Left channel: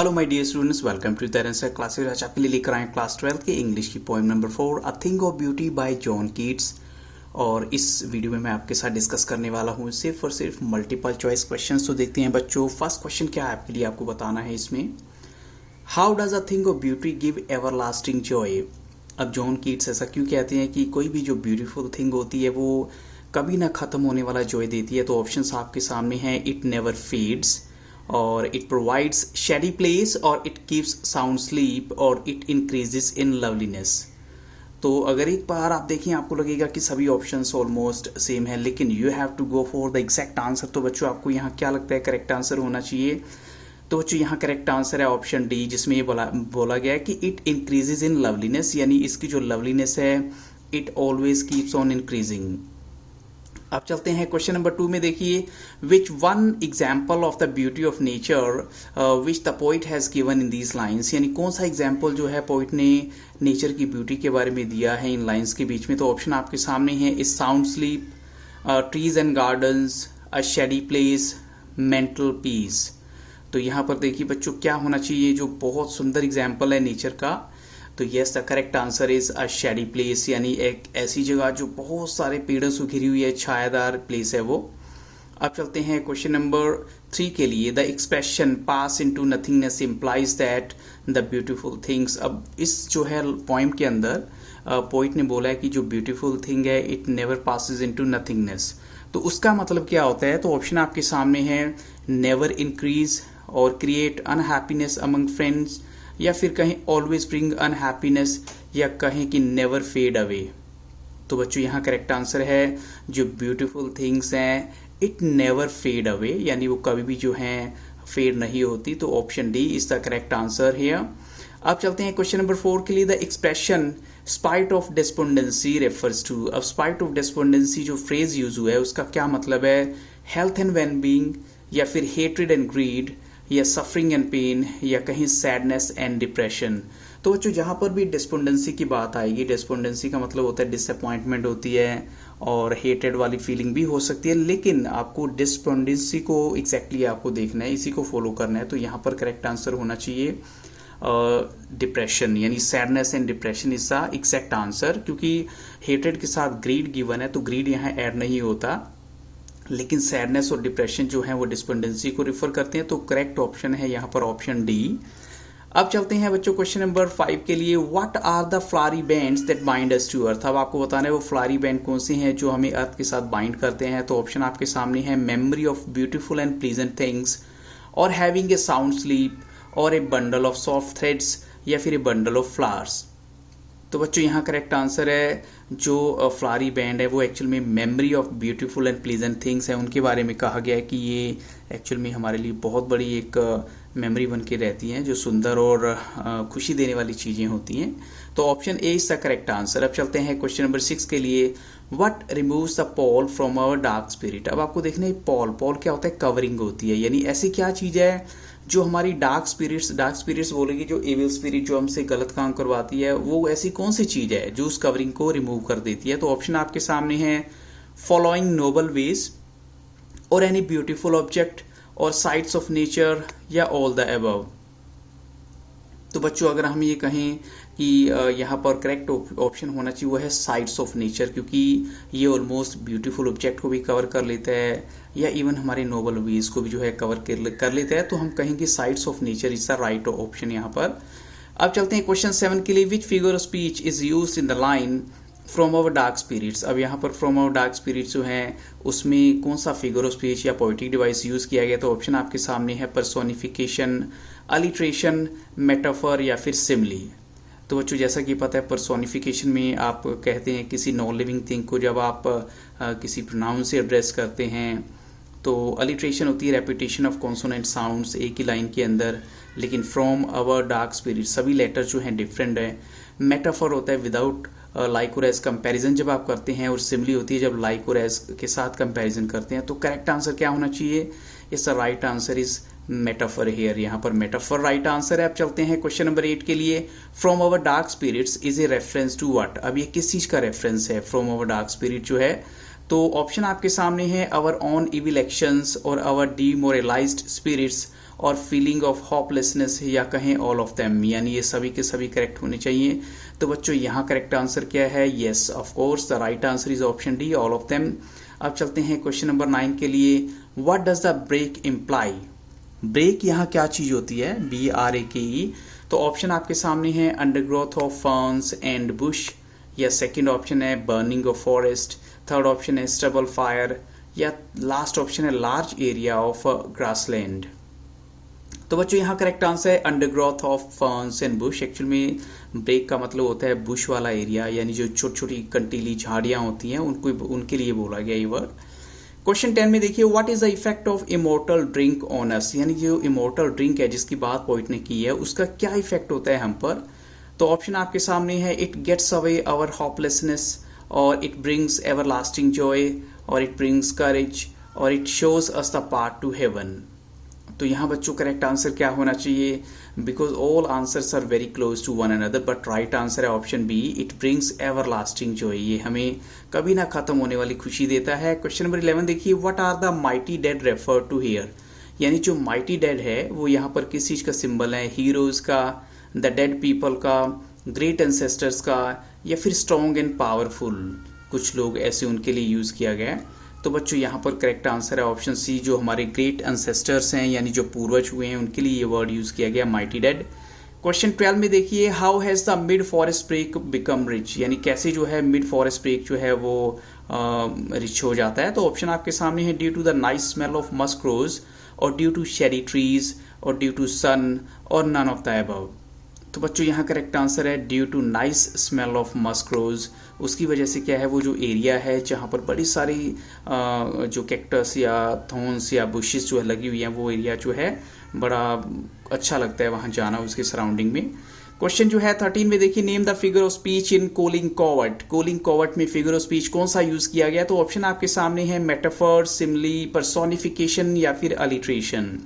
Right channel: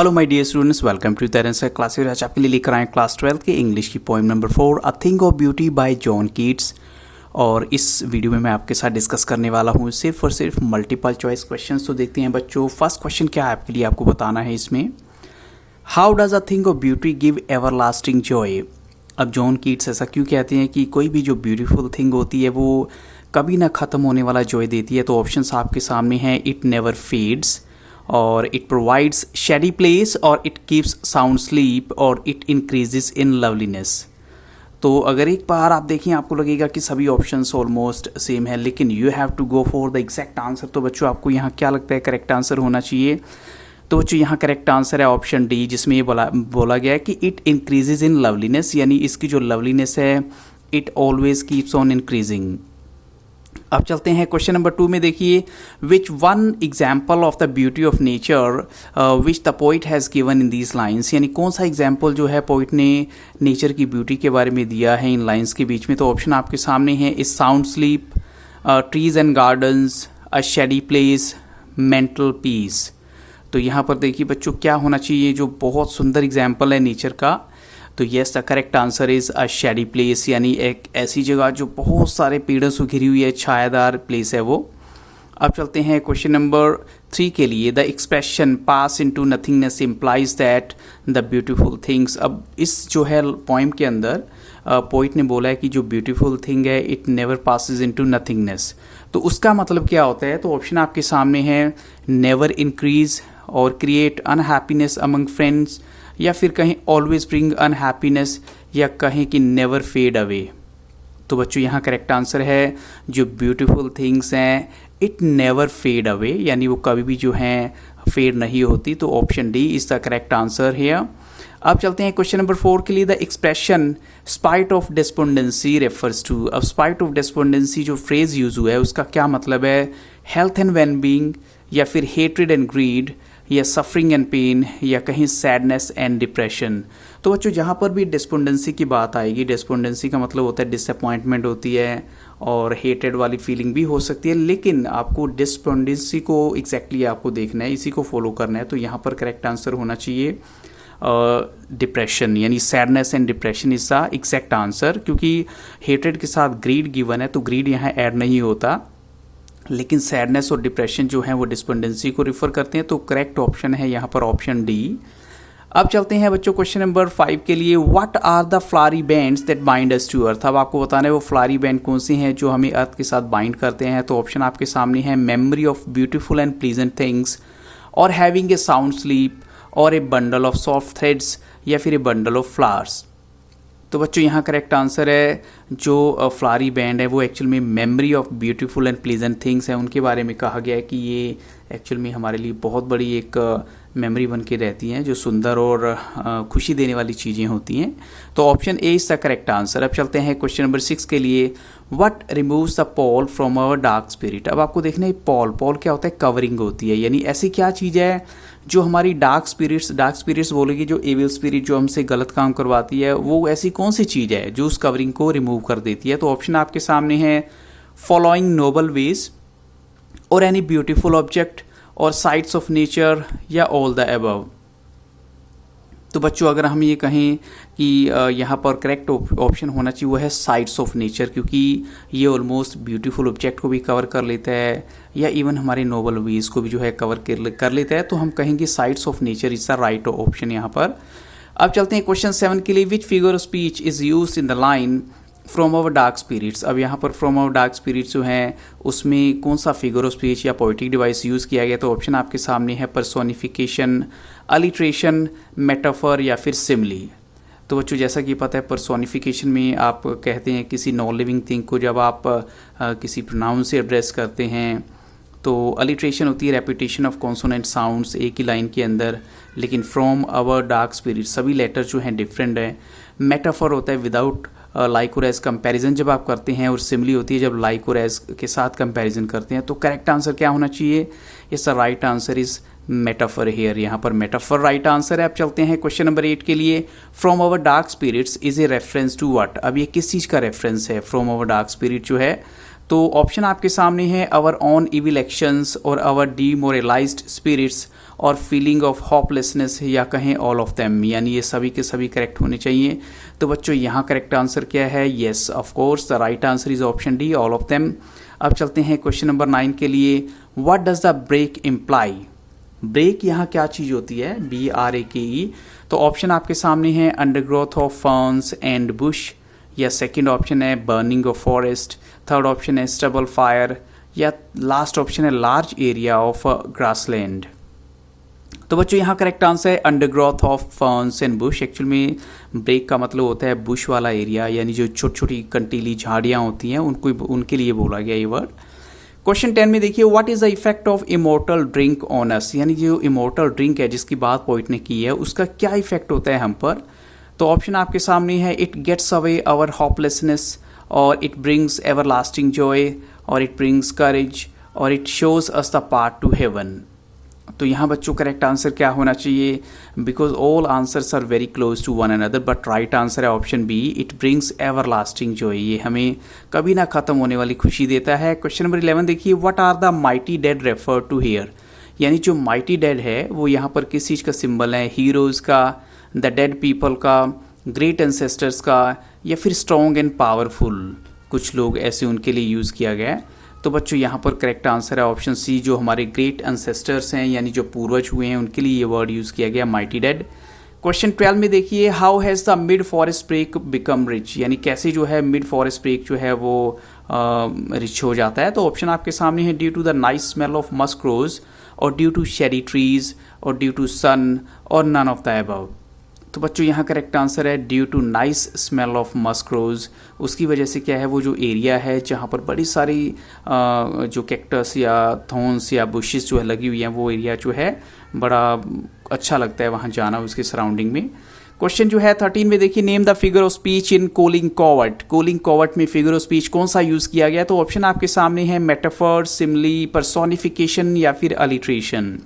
Hello my dear students, welcome to Terence class. आज आपके लिए लेकर आए क्लास 12 के इंग्लिश की poem number 4 a thing of beauty bye John Keats. और इस वीडियो में मैं आपके साथ डिस्कस करने वाला हूँ सिर्फ और सिर्फ मल्टीपल चॉइस क्वेश्चंस। तो देखते हैं बच्चों, फर्स्ट क्वेश्चन क्या है आपके लिए, आपको बताना है इसमें, how does a thing of beauty give everlasting Joy. अब जॉन कीट्स ऐसा क्यों कहते हैं कि कोई भी जो ब्यूटीफुल थिंग होती है वो कभी ना ख़त्म होने वाला जॉय देती है। तो ऑप्शंस आपके सामने हैं, इट नेवर फेड्स, और इट प्रोवाइड्स शेडी प्लेस, और इट कीप्स साउंड स्लीप, और इट इंक्रीजेस इन लवलीनेस। तो अगर एक बार आप देखें आपको लगेगा कि सभी ऑप्शंस ऑलमोस्ट सेम है, लेकिन you have to go for the exact answer. तो बच्चों आपको यहाँ क्या लगता है करेक्ट आंसर होना चाहिए? तो बच्चों यहाँ करेक्ट आंसर है ऑप्शन डी, जिसमें ये बोला गया है कि इट इंक्रीजेज इन लवलीनेस, यानी इसकी जो लवलीनेस है it always keeps on increasing. अब चलते हैं क्वेश्चन नंबर 2 में। देखिए, which one example of the beauty of nature which the poet has given in these lines, यानी कौन सा एग्जाम्पल जो है पोइट ने नेचर की ब्यूटी के बारे में दिया है इन लाइन्स के बीच में। तो ऑप्शन आपके सामने है, is sound sleep, trees and gardens, a shady place, mental peace. तो यहाँ पर देखिए बच्चों क्या होना चाहिए, जो बहुत सुंदर एग्जाम्पल है नेचर का। तो yes, the correct answer is a shady place, यानी एक ऐसी जगह जो बहुत सारे पेड़ों से घिरी हुई है, छायादार प्लेस है वो। अब चलते हैं क्वेश्चन नंबर 3 के लिए। The expression pass into nothingness implies that the beautiful things. अब इस जो है पोइम के अंदर पोइट ने बोला है कि जो ब्यूटीफुल थिंग है it never passes into nothingness. तो उसका मतलब क्या होता है? तो ऑप्शन आपके सामने है, नेवर इंक्रीज, और क्रिएट अनहैप्पीनेस अमंग फ्रेंड्स, या फिर कहीं ऑलवेज ब्रिंग अनहैप्पीनेस, या कहीं कि नेवर फेड अवे। तो बच्चों यहाँ करेक्ट आंसर है, जो ब्यूटीफुल थिंग्स हैं इट नेवर फेड अवे, यानी वो कभी भी जो हैं फेड नहीं होती। तो option D is the correct answer here. अब चलते हैं क्वेश्चन नंबर 4 के लिए। The expression spite of despondency refers to. अब स्पाइट ऑफ डेस्पोंडेंसी जो फ्रेज यूज हुआ है उसका क्या मतलब है? हेल्थ एंड वेल बींग, या फिर हेट्रेड एंड ग्रीड, या सफरिंग एंड पेन, या कहीं सैडनेस एंड डिप्रेशन। तो बच्चों जहाँ पर भी डिस्पोंडेंसी की बात आएगी, डिस्पोंडेंसी का मतलब होता है डिसअपॉइंटमेंट होती है, और हेटेड वाली फीलिंग भी हो सकती है, लेकिन आपको डिस्पोंडेंसी को एग्जैक्टली आपको देखना है, इसी को फॉलो करना है। तो यहाँ पर करेक्ट आंसर होना चाहिए डिप्रेशन, यानी sadness and depression is the exact answer. क्योंकि हेटेड के साथ ग्रीड गिवन है तो ग्रीड यहाँ ऐड नहीं होता, लेकिन सैडनेस और डिप्रेशन जो है वो डिस्पेंडेंसी को रिफर करते हैं। तो करेक्ट ऑप्शन है यहाँ पर ऑप्शन डी। अब चलते हैं बच्चों क्वेश्चन नंबर 5 के लिए। What are the flowery bands that bind us to earth. अब आपको बताना है वो फ्लारी बैंड कौन सी हैं जो हमें अर्थ के साथ बाइंड करते हैं। तो ऑप्शन आपके सामने है, memory of beautiful and pleasant things, और हैविंग ए साउंड स्लीप, और ए बंडल ऑफ सॉफ्ट थ्रेड्स, या फिर ए बंडल ऑफ फ्लावर्स। तो बच्चों यहाँ करेक्ट आंसर है, जो फ्लारी बैंड है वो एक्चुअल में memory of beautiful and pleasant things है, उनके बारे में कहा गया है कि ये एक्चुअल में हमारे लिए बहुत बड़ी एक मेमोरी बन के रहती हैं, जो सुंदर और खुशी देने वाली चीज़ें होती हैं। तो option A is the correct answer. अब चलते हैं क्वेश्चन नंबर 6 के लिए। What removes the pall from our dark spirit. अब आपको देखना है पॉल क्या होता है? कवरिंग होती है, यानी ऐसी क्या चीज़ है जो हमारी डार्क स्पिरिट्स बोलेगी, जो एविल स्पिरिट जो हमसे गलत काम करवाती है, वो ऐसी कौन सी चीज़ है जो उस कवरिंग को रिमूव कर देती है। तो ऑप्शन आपके सामने है, फॉलोइंग नोबल वेज, और एनी ब्यूटीफुल ऑब्जेक्ट, और साइट्स ऑफ नेचर, या ऑल द अबव। तो बच्चों अगर हम ये कहें कि यहाँ पर करेक्ट ऑप्शन होना चाहिए वो है साइट्स ऑफ नेचर, क्योंकि ये ऑलमोस्ट ब्यूटीफुल ऑब्जेक्ट को भी कवर कर लेता है, या इवन हमारे नोबल वेज को भी जो है कवर कर लेता है। तो हम कहेंगे sights of nature is the right option यहाँ पर। अब चलते हैं क्वेश्चन 7 के लिए। Which figure of speech is used in the line from our dark spirits. अब यहाँ पर फ्रॉम आवर डार्क स्पिरिट्स जो है उसमें कौन सा फिगर ऑफ स्पीच या पोएटिक डिवाइस यूज किया गया। तो ऑप्शन आपके सामने है, पर्सोनिफिकेशन, अलिट्रेशन, मेटाफर, या फिर सिमली। तो बच्चों जैसा कि पता है पर्सोनिफिकेशन में आप कहते हैं किसी नॉन लिविंग थिंग को जब आप किसी प्रोनाउन से एड्रेस करते हैं। तो अलिट्रेशन होती है रेपिटेशन ऑफ कॉन्सोनेंट साउंड्स एक ही लाइन के अंदर, लेकिन फ्रॉम आवर डार्क स्पिरिट सभी लेटर जो हैं डिफरेंट है। मेटाफर होता है विदाउट लाइक और एज कंपैरिजन जब आप करते हैं, और सिमली होती है जब लाइक और एज के साथ कंपैरिजन करते हैं। तो करेक्ट आंसर क्या होना चाहिए? इसका right answer is metaphor here, यहाँ पर मेटाफर राइट आंसर है। अब चलते हैं क्वेश्चन नंबर 8 के लिए। From our dark spirits is a reference to what. अब ये किस चीज़ का रेफरेंस है? फ्रॉम आवर डार्क स्पिरिट जो है, तो ऑप्शन आपके सामने है, आवर ऑन इविल एक्शंस, और आवर डीमोरलाइज्ड स्पिरिट्स, और फीलिंग ऑफ होपलेसनेस, या कहें ऑल ऑफ देम, यानी ये सभी के सभी करेक्ट होने चाहिए। तो बच्चों यहाँ करेक्ट आंसर क्या है? Yes of course, the right answer is option D, all of them. अब चलते हैं क्वेश्चन नंबर 9 के लिए। What does the brake imply? Brake यहाँ क्या चीज होती है? BRAKE। तो ऑप्शन आपके सामने है undergrowth of ferns and Bush, या सेकंड ऑप्शन है burning of forest, third option है स्टबल फायर, या लास्ट ऑप्शन है लार्ज एरिया ऑफ ग्रासलैंड। तो बच्चों यहाँ करेक्ट आंसर है undergrowth of ferns and Bush. Actual में ब्रेक का मतलब होता है बुश वाला एरिया, यानी जो छोटी छोटी कंटीली झाड़ियाँ होती हैं उनके लिए बोला गया ये वर्ड। क्वेश्चन 10 में देखिए, what is the effect of immortal drink on us? यानी जो इमोर्टल ड्रिंक है जिसकी बात पोइट ने की है, उसका क्या इफेक्ट होता है हम पर? तो ऑप्शन आपके सामने है, it gets away our hopelessness, और इट ब्रिंग्स एवरलास्टिंग जॉय, और इट ब्रिंग्स करेज, और it shows us the path to heaven. तो यहाँ बच्चों करेक्ट आंसर क्या होना चाहिए? Because all answers are very close to one another, but right answer है option B, it brings everlasting joy. ये हमें कभी ना खत्म होने वाली खुशी देता है। क्वेश्चन नंबर 11 देखिए, what are the mighty dead refer to here? यानी जो माइटी डेड है वो यहाँ पर किस चीज़ का सिंबल है? हीरोज का, द डेड पीपल का, ग्रेट एंसेस्टर्स का, या फिर स्ट्रॉन्ग एंड पावरफुल, कुछ लोग ऐसे उनके लिए यूज़ किया गया है। तो बच्चों यहाँ पर करेक्ट आंसर है ऑप्शन सी, जो हमारे ग्रेट एंसेस्टर्स हैं, यानी जो पूर्वज हुए हैं, उनके लिए ये वर्ड यूज़ किया गया माइटी डेड। क्वेश्चन 12 में देखिए, how has the mid forest brake become rich? यानी कैसे जो है मिड फॉरेस्ट ब्रेक जो है वो रिच हो जाता है? तो ऑप्शन आपके सामने है, due to the nice smell of musk rose, और ड्यू टू शेरी ट्रीज, और ड्यू टू सन, और नन ऑफ द अबव। तो बच्चों यहाँ करेक्ट आंसर है due to nice smell of musk rose. उसकी वजह से क्या है, वो जो एरिया है जहाँ पर बड़ी सारी जो कैक्टस या थॉर्न्स या बुशेस जो है लगी हुई हैं, वो एरिया जो है बड़ा अच्छा लगता है वहाँ जाना, उसके सराउंडिंग में। क्वेश्चन जो है 13 में देखिए, name the figure of speech in cooling covert. Cooling covert में फिगर ऑफ स्पीच कौन सा यूज किया गया? तो ऑप्शन आपके सामने है, मेटाफर, सिमली, पर्सोनिफिकेशन, या फिर अलिट्रेशन।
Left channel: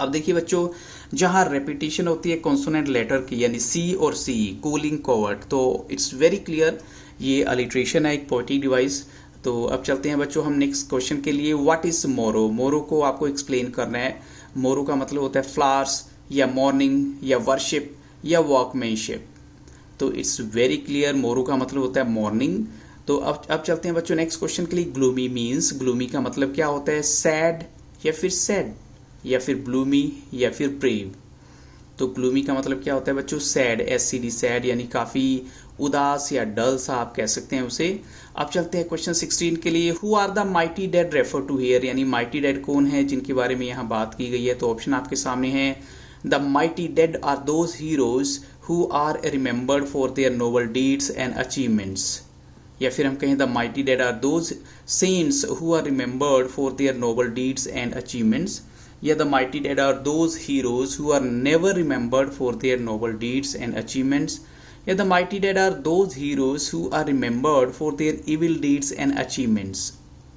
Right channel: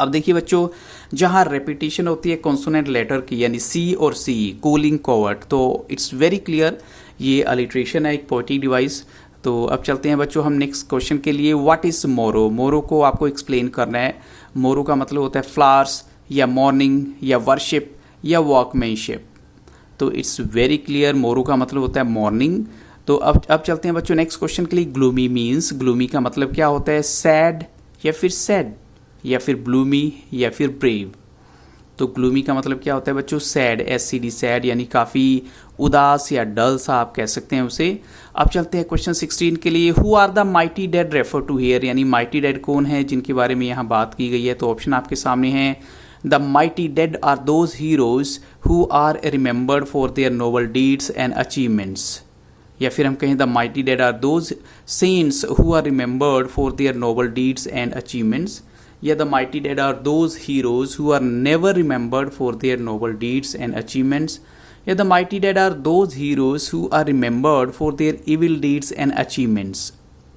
अब देखिए बच्चों, जहाँ रेपिटेशन होती है कॉन्सोनेंट लेटर की, यानी सी और सी, कोलिंग कॉवर्ट, तो इट्स वेरी क्लियर ये अलिट्रेशन है, एक पोएटिक डिवाइस। तो अब चलते हैं बच्चों हम नेक्स्ट क्वेश्चन के लिए। व्हाट इज मोरो? मोरो को आपको एक्सप्लेन करना है। मोरो का मतलब होता है फ्लावर्स, या मॉर्निंग, या वर्शिप, या वॉकमैनशिप। तो इट्स वेरी क्लियर, मोरो का मतलब होता है मॉर्निंग। तो अब चलते हैं बच्चों नेक्स्ट क्वेश्चन के लिए। ग्लूमी मीन्स, ग्लूमी का मतलब क्या होता है? सैड, या फिर सैड, या फिर ब्लूमी, या फिर ब्रेव। तो ग्लूमी का मतलब क्या होता है बच्चों? सैड, SCD, सैड, यानी काफ़ी उदास या डल सा आप कह सकते हैं उसे। अब चलते हैं क्वेश्चन 16 के लिए। Who are the mighty dead refer to here? यानी माइटी डेड कौन है जिनके बारे में यहाँ बात की गई है? तो ऑप्शन आपके सामने है, the mighty dead are those heroes who are remembered for their noble deeds and achievements, या फिर हम कहें the mighty dead are those saints who are remembered for their noble deeds and achievements, या the mighty dead are those heroes who are never remembered for their noble deeds and achievements, या the mighty dead are those heroes who are remembered for their evil deeds and achievements।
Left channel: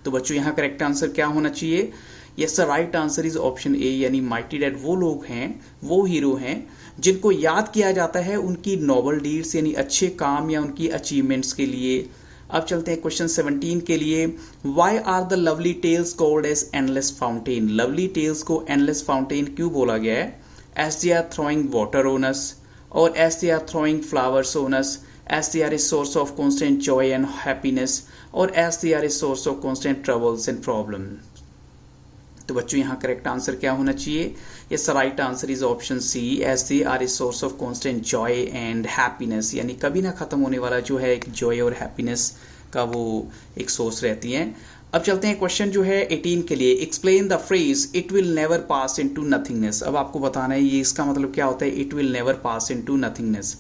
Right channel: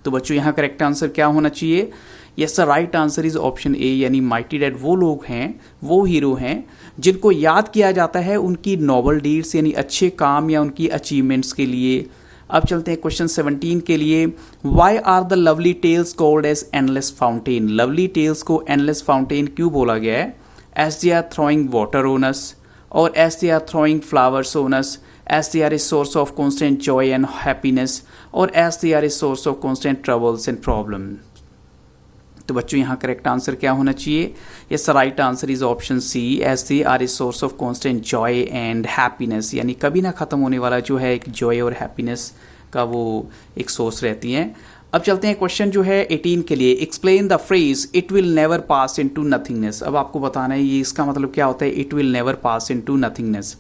तो बच्चों यहाँ correct answer क्या होना चाहिए? Yes the right answer is option A, यानी mighty dead वो लोग हैं, वो हीरो हैं जिनको याद किया जाता है उनकी नोबल डीड्स यानी अच्छे काम या उनकी अचीवमेंट्स के लिए। अब चलते हैं क्वेश्चन 17 के लिए। Why are the lovely tales called as endless fountain? Lovely tales को एंडलेस फाउंटेन क्यों बोला गया है? As they are throwing water on us, और as they are throwing flowers on us, as they are a source of constant joy and happiness, और as they are a source of constant troubles and problem. तो बच्चों यहाँ correct answer क्या होना चाहिए? Yes right answer is option C, as they are a source of constant joy and happiness, यानी कभी ना खत्म होने वाला जो है एक जॉय और हैप्पीनेस का वो एक सोर्स रहती है। अब चलते हैं क्वेश्चन जो है 18 के लिए। Explain the phrase it will never pass into nothingness. अब आपको बताना है ये इसका मतलब क्या होता है, it will never pass into nothingness.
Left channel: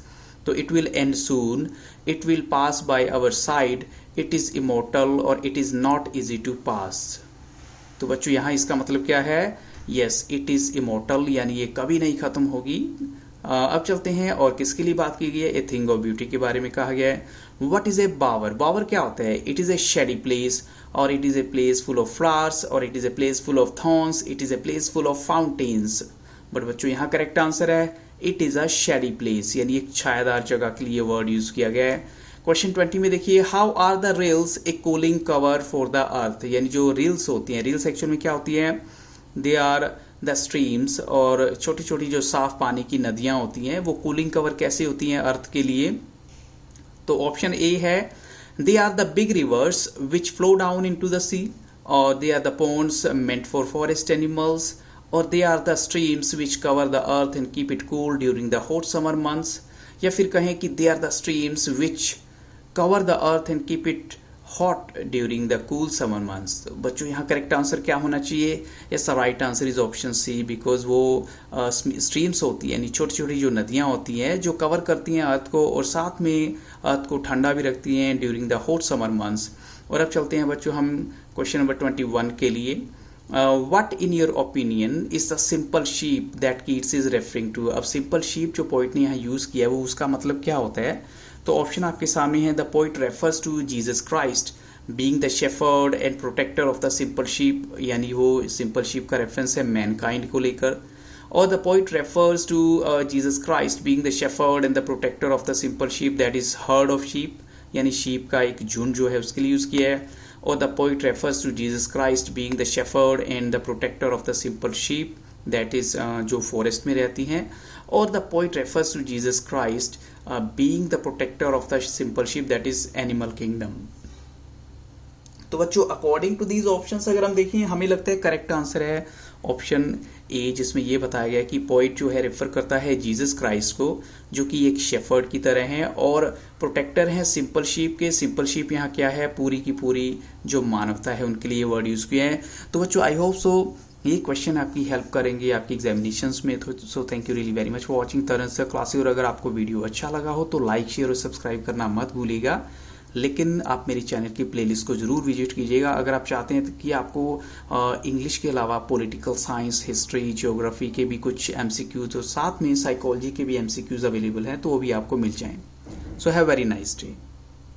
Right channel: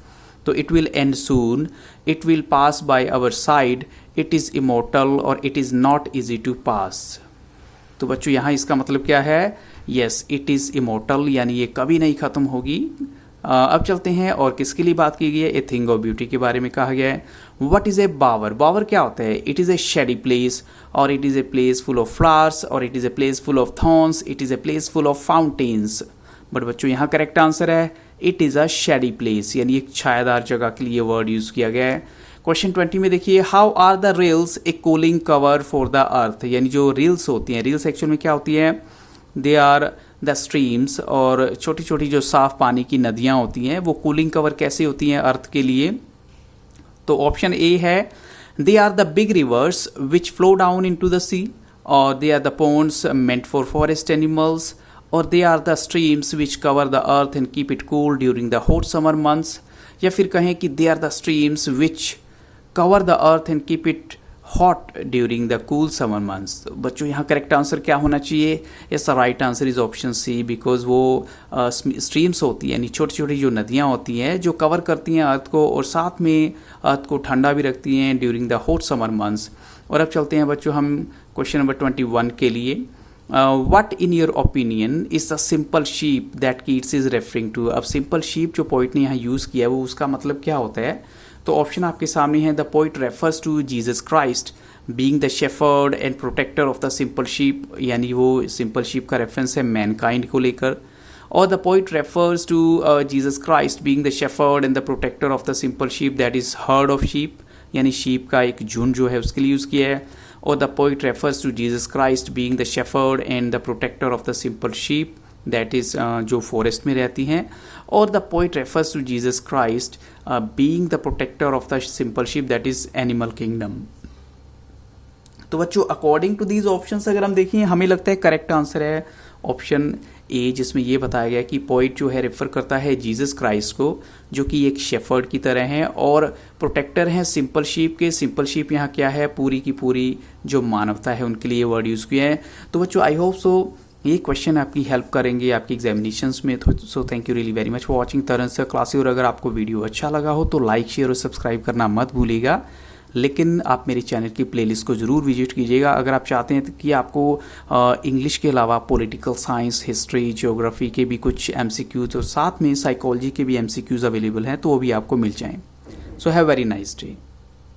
तो it will end soon, it will pass by our side, it is immortal, और it is not easy to pass. तो बच्चों यहाँ इसका मतलब क्या है? यस इट इज इमोर्टल, यानी ये कभी नहीं खत्म होगी। अब चलते हैं और किसके लिए बात की गई है? ए थिंग ऑफ ब्यूटी के बारे में कहा गया है। व्हाट इज ए बावर? बावर क्या होता है? It is a shady place, और it is a place full of flowers, और it is a place full of thorns, it is a place full of fountains. But बच्चों यहाँ करेक्ट आंसर है it is a shady place, यानी एक छायादार जगह के लिए वर्ड यूज किया गया है। क्वेश्चन 20 में देखिए, how are the rills a cooling cover for the earth? यानी जो रील्स होती हैं, रील्स एक्चुअल में क्या होती है? दे आर द स्ट्रीम्स, और छोटी छोटी जो साफ पानी की नदियाँ होती हैं वो कूलिंग कवर कैसे होती हैं अर्थ के लिए? तो ऑप्शन ए है they are the big rivers which flow down into the sea, और they are the ponds meant for forest animals, और they are the streams which cover the earth and keep it cool during the hot summer months, या फिर कहें कि they are the streams which cover the earth and keep it hot during the cool summer months। तो बच्चों यहाँ correct answer क्या होना चाहिए? Yes, the right answer is option C, because वो स्ट्रीम्स होती है यानी छोटी छोटी जो नदियाँ होती हैं जो कवर करती हैं अर्थ को और साथ में अर्थ को ठंडा भी रखती हैं during the hot summer months. और अब चलते हैं बच्चों हम क्वेश्चन नंबर 21 के लिए। What in your opinion is the simple sheep that Keats is referring to? अब सिंपल शीप जो पोइट ने यहाँ यूज किया है वो उसका मतलब क्या होता है? तो ऑप्शन आपके सामने है the poet refers to Jesus Christ being the shepherd and protector of the simple sheep, यानी वो सिंपल शीप का रेफरेंस है मैनकाइंड को लेकर। और the poet refers to Jesus Christ being the shepherd and the protector of the simple sheep that is herd of sheep, यानी sheep का एक झुंड जो है उसके लिए यूज किया है। और the poet refers to Jesus Christ being the shepherd and the protector of the simple sheep that is जो फॉरेस्ट में रहती हैं। और the poet refers to Jesus Christ being the protector of the simple sheep that is animal kingdom. तो बच्चों according to these options अगर हम देखें हमें लगता है करेक्ट आंसर है ऑप्शन ए, जिसमें ये बताया गया कि पोइट जो है रेफर करता है जीसस क्राइस्ट को जो कि एक शेफर्ड की तरह हैं और प्रोटेक्टर हैं सिंपल शीप के। सिंपल शीप यहाँ क्या है? पूरी की पूरी जो मानवता है उनके लिए वर्ड यूज किया है। तो बच्चों आई होप सो ये क्वेश्चन आपकी हेल्प करेंगे आपकी एग्जामिनेशंस में। So thank you really very much for watching Taran sir classes. और अगर आपको वीडियो अच्छा लगा हो तो लाइक शेयर और सब्सक्राइब करना मत भूलिएगा। लेकिन आप मेरे चैनल की प्लेलिस्ट को ज़रूर विजिट कीजिएगा अगर आप चाहते हैं कि आपको इंग्लिश के अलावा पॉलिटिकल साइंस, हिस्ट्री, ज्योग्राफी के भी कुछ एमसीक्यूज और साथ में साइकोलॉजी के भी एमसीक्यूज अवेलेबल हैं तो वो भी आपको मिल जाएं। So have very nice day.